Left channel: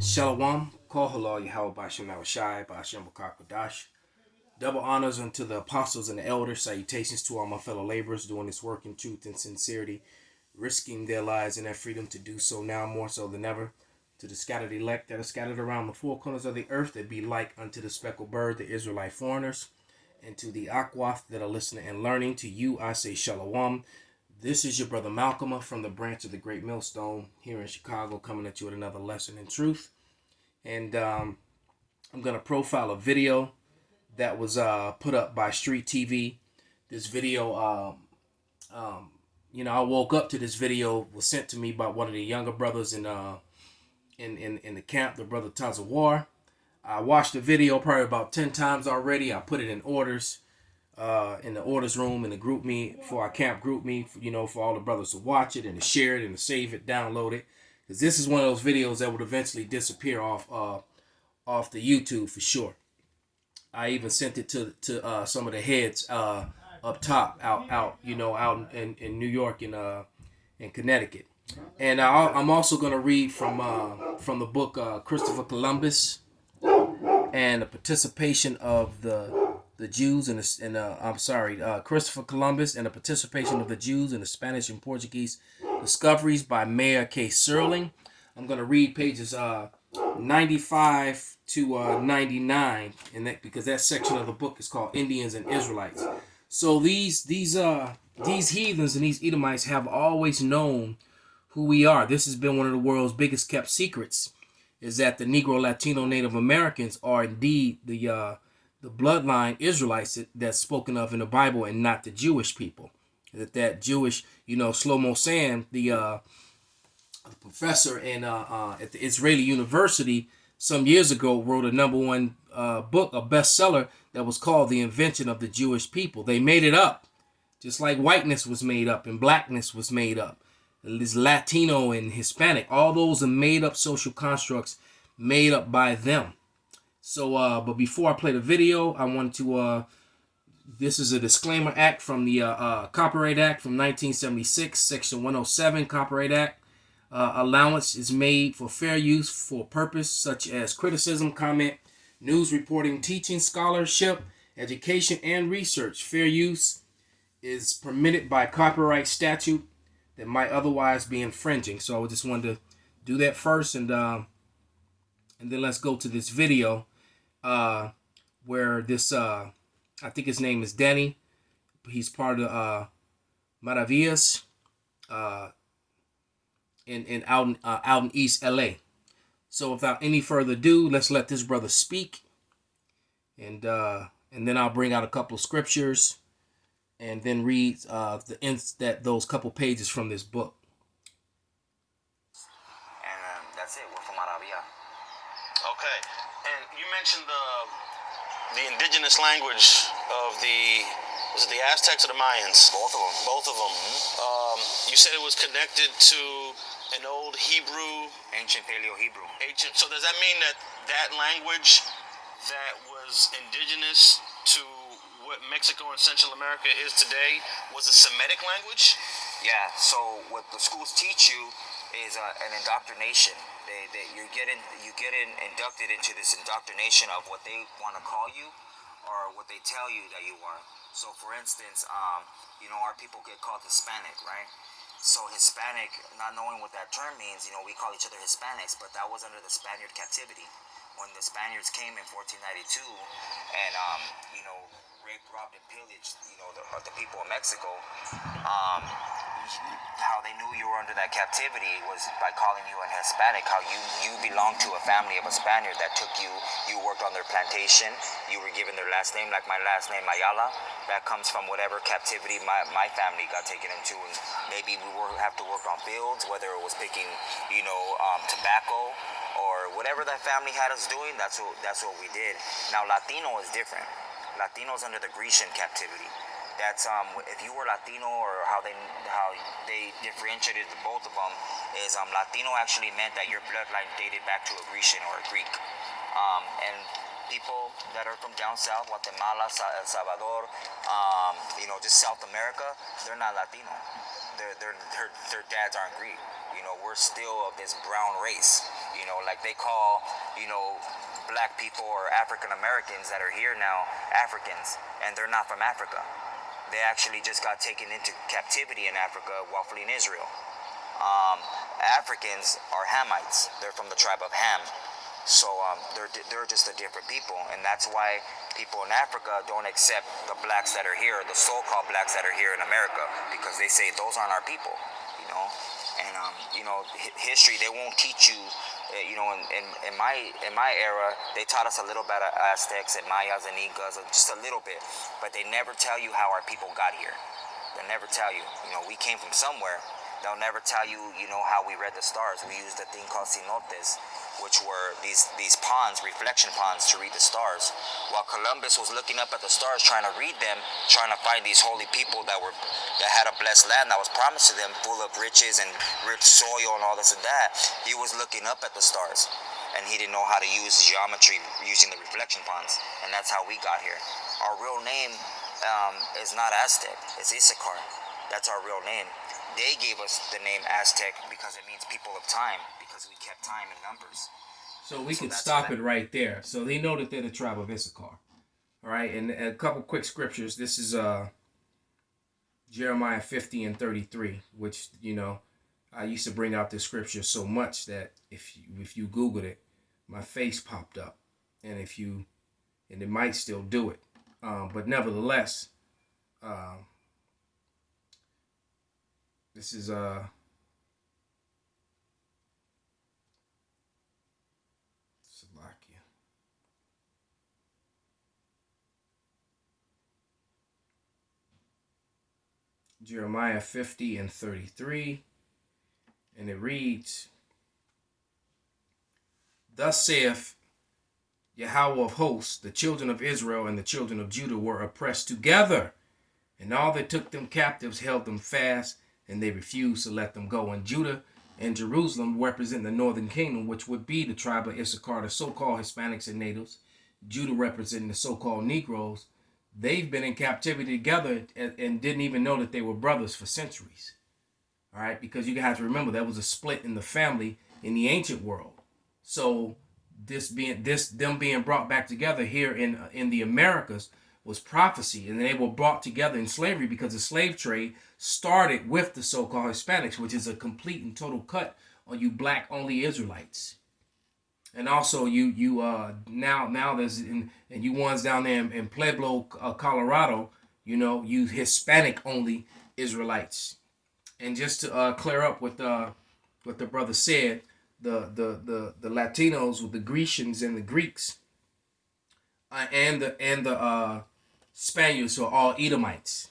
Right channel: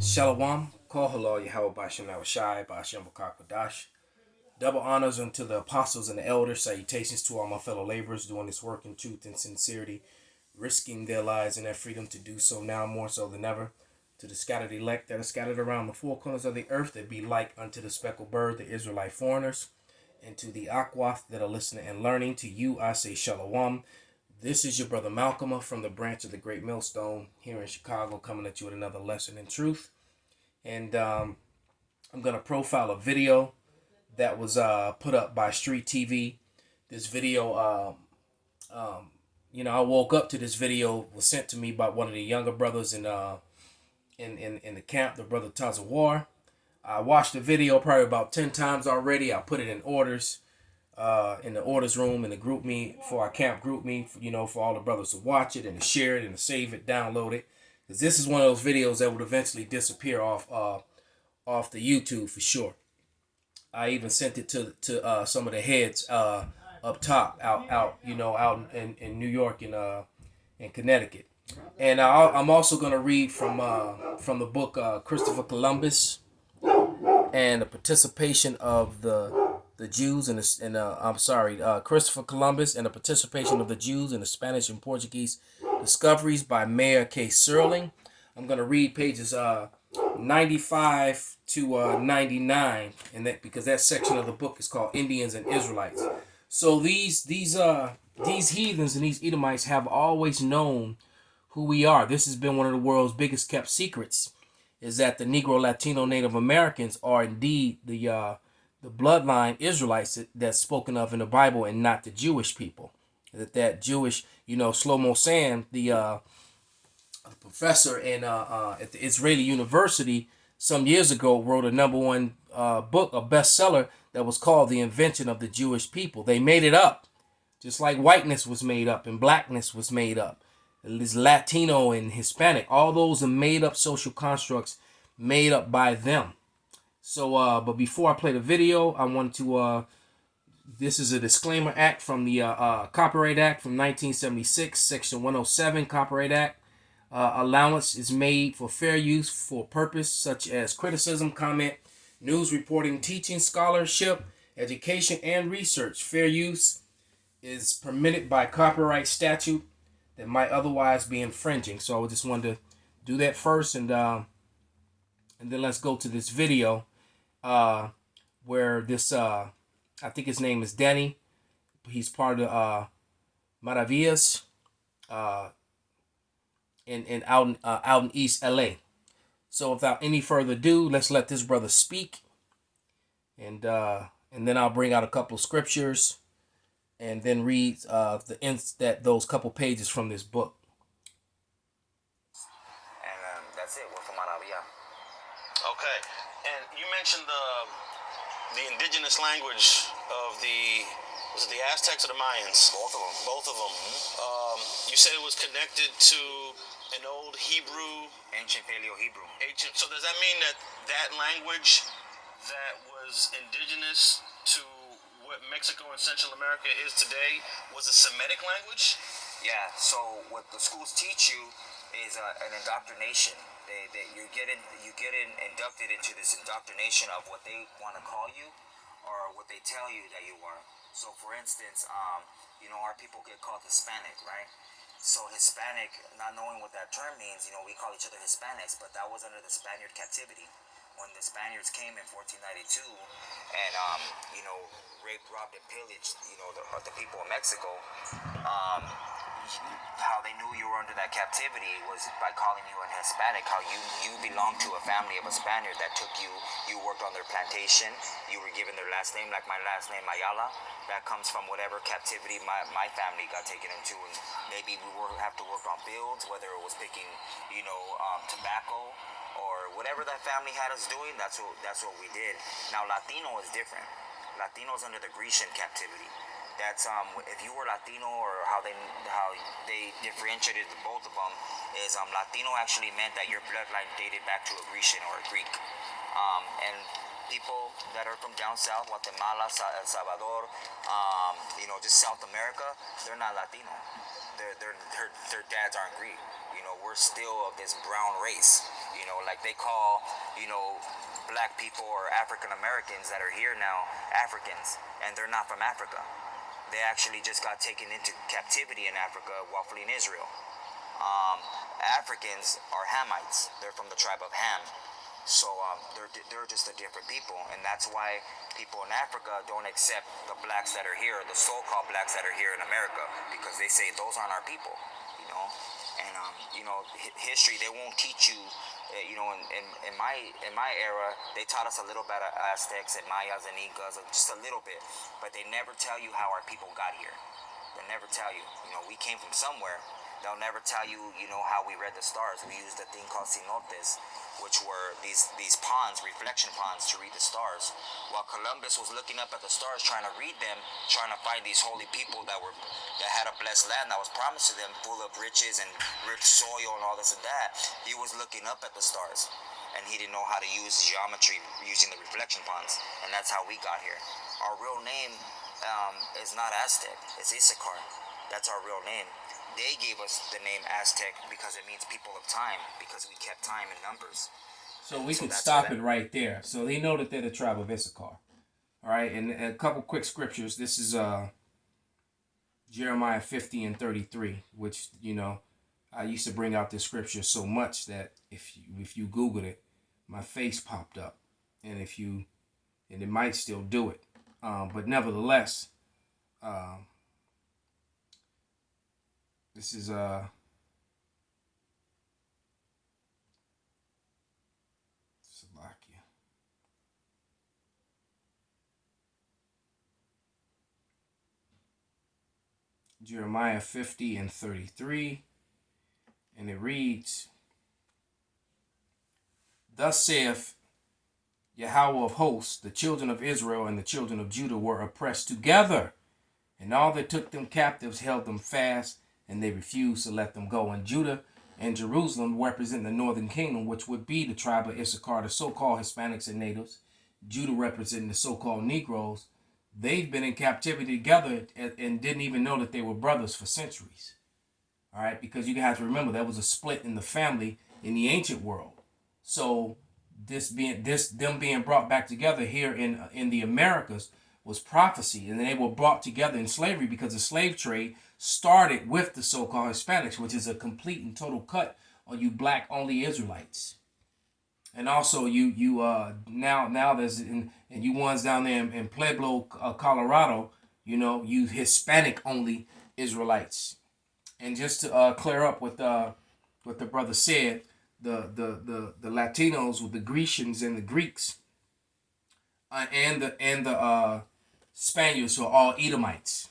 Shalom, Kohala, Yahweh Bashem Nawashai, Bashem Bakakwadash. Double honors unto the apostles and the elders. Salutations to all my fellow laborers doing this work in truth and sincerity, risking their lives and their freedom to do so now more so than ever. To the scattered elect that are scattered around the four corners of the earth that be like unto the speckled bird, the Israelite foreigners. And to the Akwath that are listening and learning, to you I say Shalom. This is your brother Malcolm from the branch of the Great Millstone here in Chicago, coming at you with another lesson in truth. And I'm going to profile a video that was put up by Street TV. This video, I woke up to this video, was sent to me by one of the younger brothers in the camp, the brother Tazawar. I watched the video probably about 10 times already. I put it in orders, in the orders room, in the group me, for our camp group me, for all the brothers to watch it and to share it and to save it, download it. Because this is one of those videos that would eventually disappear off the YouTube for sure. I even sent it to some of the heads up top, out in New York and in Connecticut. And I'm also gonna read from the book Christopher Columbus and the participation of the Jews Christopher Columbus and the participation of the Jews in the Spanish and Portuguese discoveries by Mayor K. Serling. I'm gonna read pages 95 to 99, and that because that section of the book is called Indians and Israelites. So these heathens and these Edomites have always known who we are. This has been one of the world's biggest kept secrets, is that the Negro, Latino, Native Americans are indeed the bloodline Israelites that's spoken of in the Bible, and not the Jewish people. That Jewish, Shlomo Sand, the professor at the Israeli University some years ago, wrote a #1 book, a bestseller, that was called The Invention of the Jewish People. They made it up, just like whiteness was made up and blackness was made up. This Latino and Hispanic, all those are made up social constructs made up by them. So, but before I play the video, I want to, this is a disclaimer act from the Copyright Act from 1976, Section 107, Copyright Act. Allowance is made for fair use for purpose such as criticism, comment, news reporting, teaching, scholarship, education, and research. Fair use is permitted by copyright statute that might otherwise be infringing. So I just wanted to do that first, and then let's go to this video where this I think his name is Danny. He's part of the Maravillas out in East LA. So without any further ado, let's let this brother speak, and then I'll bring out a couple of scriptures, and then read those couple pages from this book. And that's it. We're from Arabia. Okay. And you mentioned the indigenous language of was it the Aztecs or the Mayans? Both of them. Both of them. You said it was connected to an old Hebrew, Ancient Paleo-Hebrew. So does that mean that language that was indigenous to what Mexico and Central America is today was a Semitic language? Yeah. So what the schools teach you is an indoctrination. You get inducted into this indoctrination of what they want to call you, or what they tell you that you are. So, for instance, our people get called Hispanic, right? So Hispanic, not knowing what that term means, we call each other Hispanics, but that was under the Spaniard captivity. When the Spaniards came in 1492 and, raped, robbed, and pillaged, the people of Mexico, how they knew you were under that captivity was by calling you a Hispanic, how you belonged to a family of a Spaniard that took you worked on their plantation, you were given their last name, like my last name, Ayala. That comes from whatever captivity my family got taken into, and maybe we have to work on fields, whether it was picking, tobacco, or whatever that family had us doing, that's what we did. Now, Latino is different. Latino's under the Grecian captivity. That's if you were Latino, or how they differentiated the both of them is Latino actually meant that your bloodline dated back to a Grecian or a Greek, and people that are from down south, Guatemala, El Salvador, just South America, they're not Latino. Their dads aren't Greek. we're still of this brown race. Like they call, black people or African Americans that are here now Africans, and they're not from Africa. They actually just got taken into captivity in Africa while fleeing Israel. Africans are Hamites. They're from the tribe of Ham. So they're just a different people, and that's why people in Africa don't accept the blacks that are here, the so-called blacks that are here in America, because they say those aren't our people, you know. And history, they won't teach you. In my era, they taught us a little bit of Aztecs and Mayas and Incas, just a little bit, but they never tell you how our people got here. They never tell you. We came from somewhere. They'll never tell you, how we read the stars. We used a thing called cenotes, which were these ponds, reflection ponds, to read the stars. While Columbus was looking up at the stars, trying to read them, trying to find these holy people that had a blessed land that was promised to them, full of riches and rich soil and all this and that. He was looking up at the stars, and he didn't know how to use geometry using the reflection ponds, and that's how we got here. Our real name is not Aztec; it's Issachar. That's our real name. They gave us the name Aztec because it means people of time, because we kept time in numbers. So we can stop it right there. So they know that they're the tribe of Issachar. All right, and a couple quick scriptures. This is Jeremiah 50 and 33, which, I used to bring out this scripture so much that if you Googled it, my face popped up. And it might still do it. But nevertheless, this is Salakia. Jeremiah 50 and 33. And it reads, "Thus saith Yahweh of hosts, the children of Israel and the children of Judah were oppressed together, and all that took them captives held them fast, and they refused to let them go." And Judah and Jerusalem represent the northern kingdom, which would be the tribe of Issachar, the so-called Hispanics and natives. Judah representing the so-called Negroes. They've been in captivity together and didn't even know that they were brothers for centuries. All right, because you have to remember there was a split in the family in the ancient world. So them being brought back together here in the Americas was prophecy, and they were brought together in slavery because the slave trade started with the so-called Hispanics, which is a complete and total cut on you black only Israelites. And also you now there's and you ones down there in Pueblo, Colorado, you Hispanic only Israelites. And just to clear up what the brother said, the Latinos with the Grecians and the Greeks and the Spaniards who are all Edomites.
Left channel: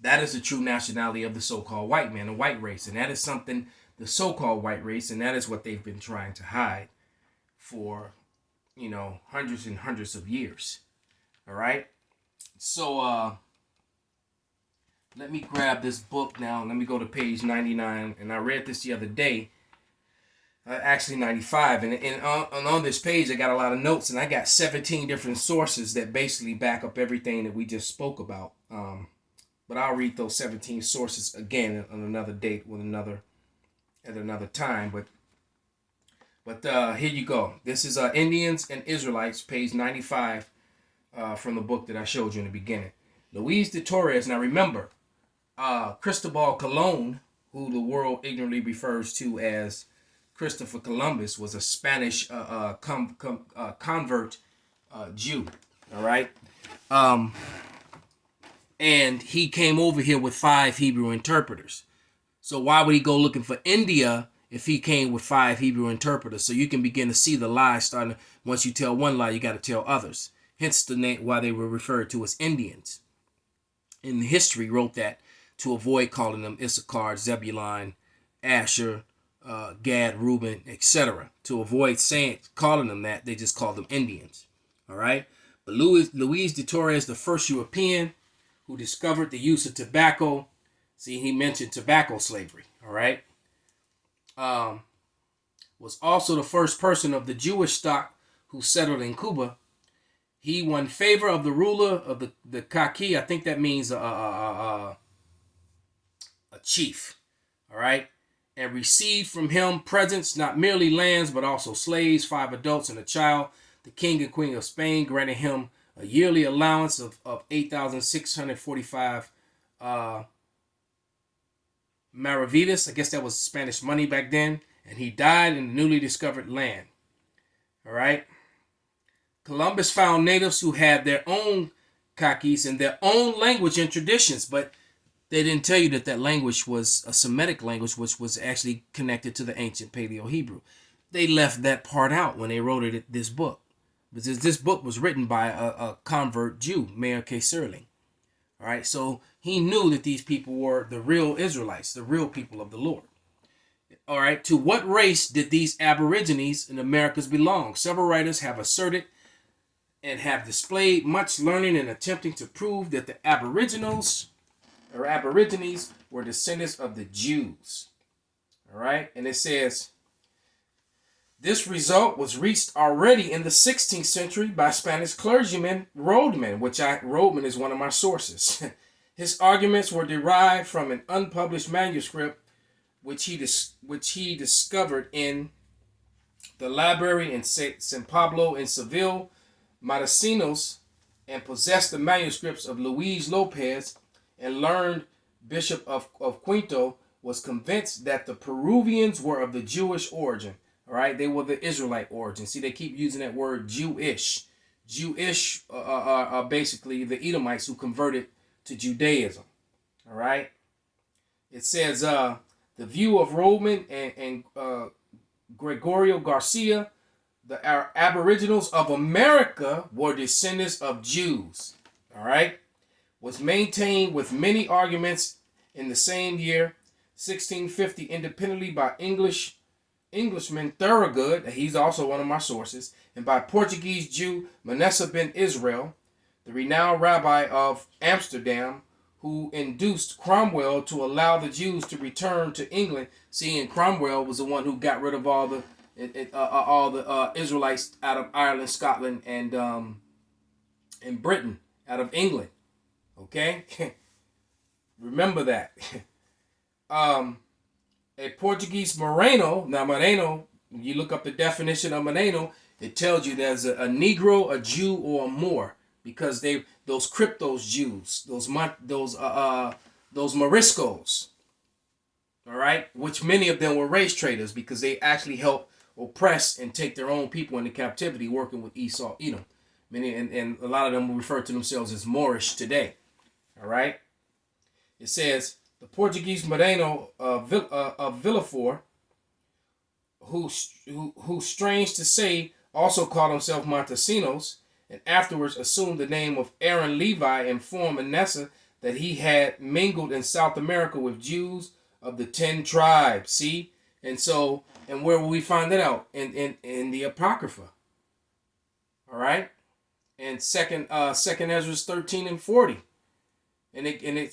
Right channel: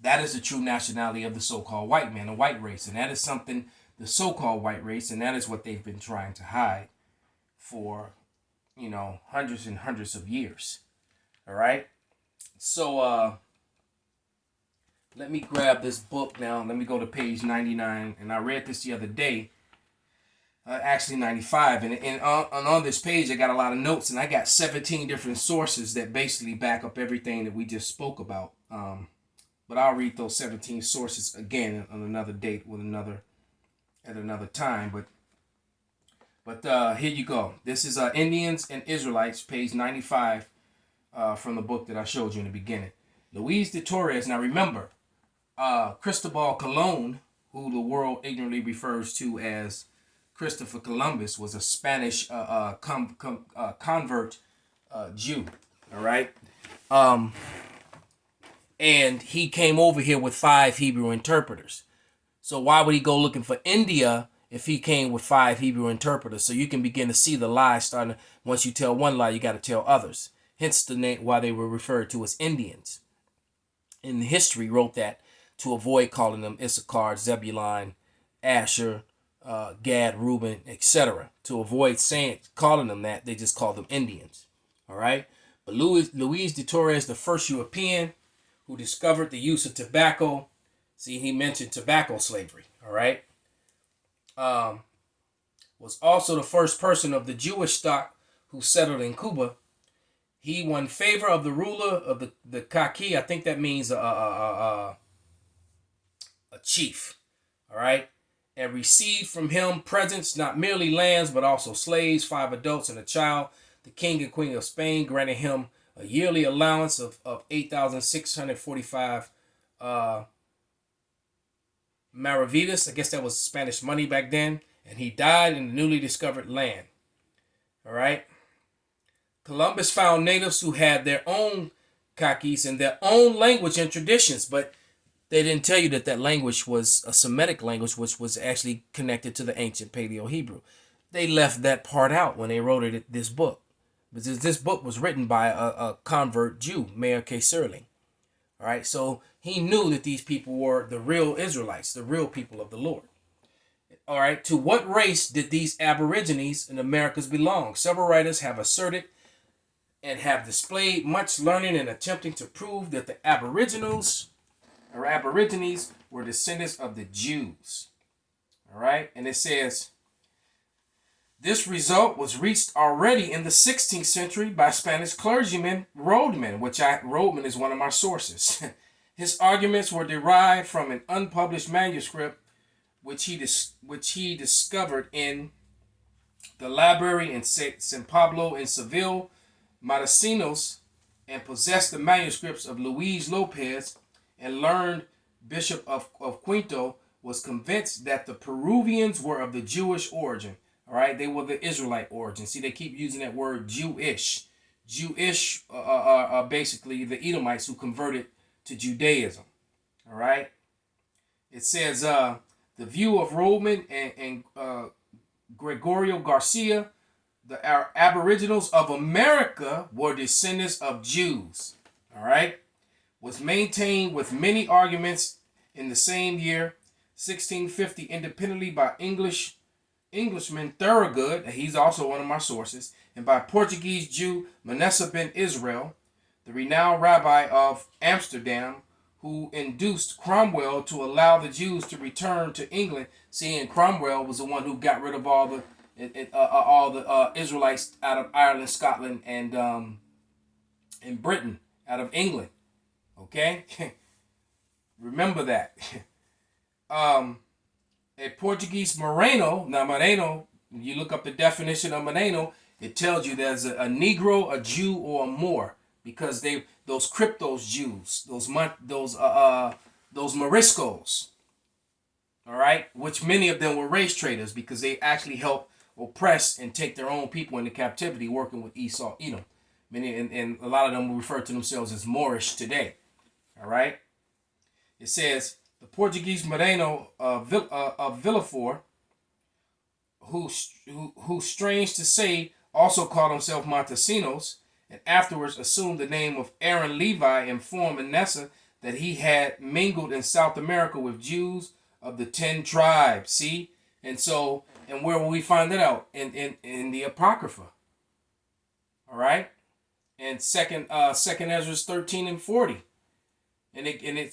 That is the true nationality of the so-called white man, the white race, and that is something the so-called white race, and that is what they've been trying to hide for hundreds and hundreds of years. All right, so let me grab this book now. Let me go to page 99. And I read this the other day. Actually 95. And on this page, I got a lot of notes. And I got 17 different sources that basically back up everything that we just spoke about. But I'll read those 17 sources again on another date at another time. But here you go. This is Indians and Israelites, page 95 from the book that I showed you in the beginning. Luis de Torres. Now remember, Cristobal Colon, who the world ignorantly refers to as Christopher Columbus, was a Spanish convert Jew. All right, and he came over here with 5 Hebrew interpreters. So why would he go looking for India if he came with 5 Hebrew interpreters? So you can begin to see the lies starting. Once you tell one lie, you got to tell others. Hence the name why they were referred to as Indians. In history, wrote that to avoid calling them Issachar, Zebulun, Asher, Gad, Reuben, etc. To avoid calling them that, they just called them Indians. All right. But Luis de Torres, the first European who discovered the use of tobacco. See, he mentioned tobacco slavery. All right. Was also the first person of the Jewish stock who settled in Cuba. He won favor of the ruler of the Kaki. I think that means a chief. All right. and received from him presents, not merely lands, but also slaves, 5 adults and a child. The king and queen of Spain granted him a yearly allowance of 8,645 maravedis. I guess that was Spanish money back then. And he died in the newly discovered land. All right. Columbus found natives who had their own kakis and their own language and traditions, but they didn't tell you that that language was a Semitic language, which was actually connected to the ancient Paleo-Hebrew. They left that part out when they wrote this book. Because this book was written by a convert Jew, Mayor K. Serling. All right, so he knew that these people were the real Israelites, the real people of the Lord. All right, to what race did these Aborigines in Americas belong? Several writers have asserted and have displayed much learning in attempting to prove that the Aborigines were descendants of the Jews. All right, and it says, this result was reached already in the 16th century by Spanish clergyman Rodman, Rodman is one of my sources. His arguments were derived from an unpublished manuscript which he discovered in the library in San Pablo in Seville, Matosinhos, and possessed the manuscripts of Luis Lopez, and learned Bishop of Quito was convinced that the Peruvians were of the Jewish origin. All right, they were the Israelite origin. See, they keep using that word Jewish. Jewish are basically the Edomites who converted to Judaism. All right. It says the view of Rodman and Gregorio Garcia, the Aboriginals of America were descendants of Jews. All right, was maintained with many arguments in the same year, 1650, independently by Englishman Thorogood, he's also one of my sources, and by Portuguese Jew Manasseh ben Israel, the renowned rabbi of Amsterdam, who induced Cromwell to allow the Jews to return to England. Seeing Cromwell was the one who got rid of all the Israelites out of Ireland, Scotland, and Britain, out of England. Okay, remember that. A Portuguese Moreno. Now, Moreno, when you look up the definition of Moreno, it tells you there's a Negro, a Jew, or a Moor, because those cryptos Jews, those Moriscos, all right, which many of them were race traders because they actually helped oppress and take their own people into captivity, working with Esau, Edom. Many and a lot of them will refer to themselves as Moorish today. All right, it says, the Portuguese Moreno of Villafort, who strange to say, also called himself Montesinos, and afterwards assumed the name of Aaron Levi, informed Manasseh that he had mingled in South America with Jews of the 10 tribes. See? And so, and where will we find that out? In the Apocrypha. All right? And second Ezra 13 and 40.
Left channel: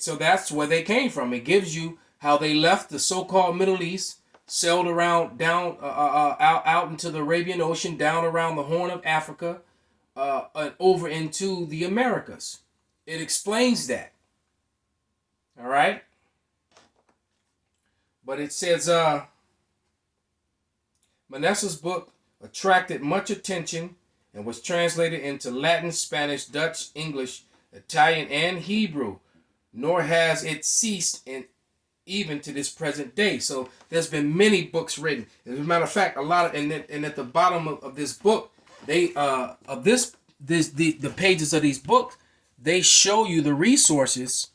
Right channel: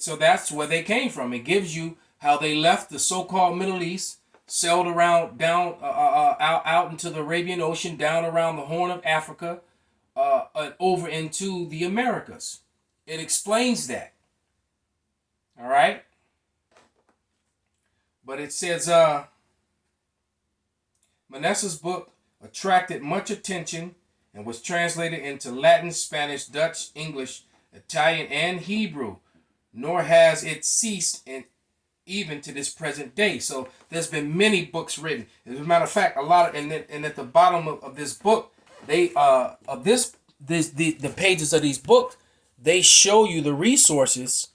So that's where they came from. It gives you how they left the so-called Middle East, sailed around down out into the Arabian Ocean, down around the Horn of Africa, and over into the Americas. It explains that. All right. But it says Manasseh's book attracted much attention and was translated into Latin, Spanish, Dutch, English, Italian, and Hebrew. Nor has it ceased even to this present day. So there's been many books written. As a matter of fact, a lot of and at the bottom of this book, they the pages of these books, they show you the resources.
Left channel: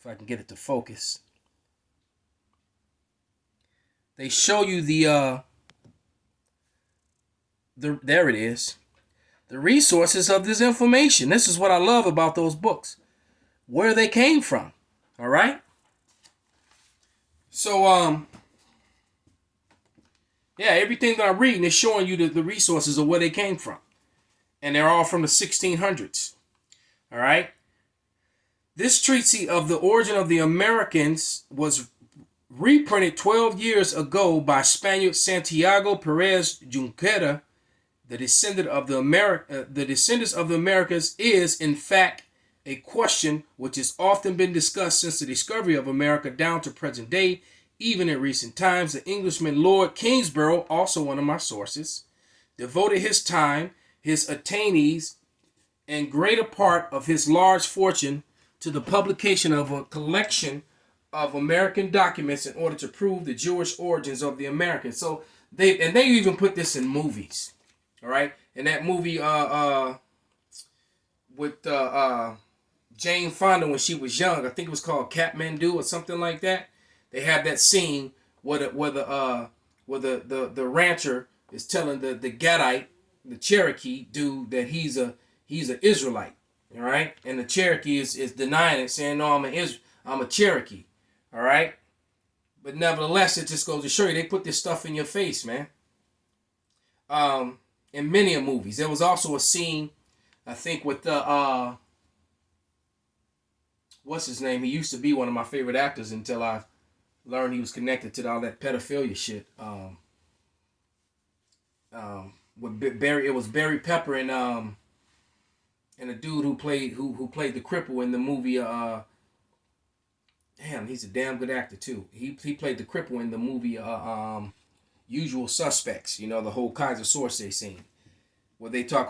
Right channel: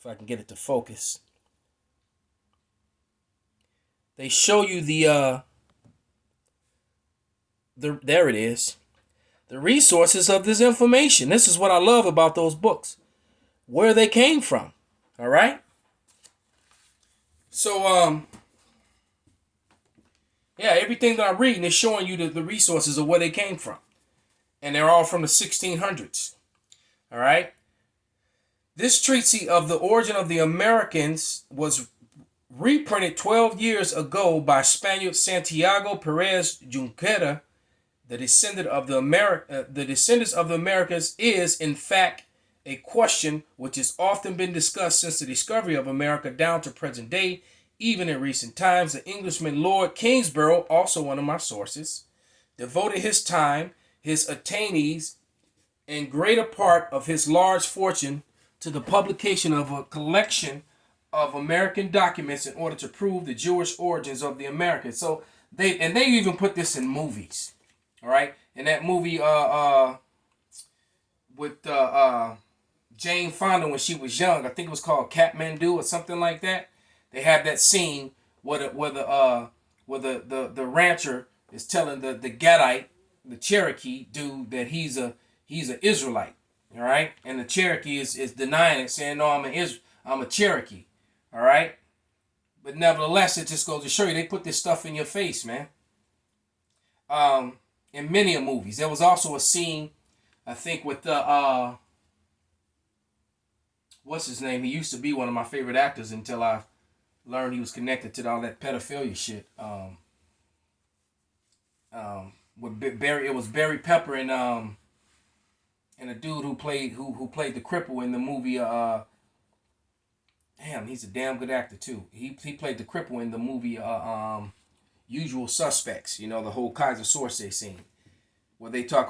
If I can get it to focus, they show you the there it is, the resources of this information. This is what I love about those books, where they came from. All right. So yeah, everything that I'm reading is showing you the resources of where they came from, and they're all from the 1600s. All right. This treatise of the origin of the Americans was reprinted 12 years ago by Spaniard Santiago Perez Junquera. The descendant of the descendants of the Americas is, in fact, a question which has often been discussed since the discovery of America down to present day. Even in recent times, the Englishman Lord Kingsborough, also one of my sources, devoted his time, his attaintees, and greater part of his large fortune to the publication of a collection of American documents in order to prove the Jewish origins of the Americans. So they even put this in movies. All right, in that movie with Jane Fonda when she was young, I think it was called Kathmandu or something like that. They have that scene where the rancher is telling the Gadite, the Cherokee dude, that he's an Israelite. All right, and the Cherokee is denying it, saying, no, I'm a Cherokee. All right, but nevertheless, it just goes to show you they put this stuff in your face, man. In many movies, there was also a scene, I think, with the what's his name? He used to be one of my favorite actors until I learned he was connected to all that pedophilia shit. With Barry, it was Barry Pepper and a dude who played the cripple in the movie. Damn, he's a damn good actor too. He played the cripple in the movie Usual Suspects. You know, the whole Kaiser Source scene where they talk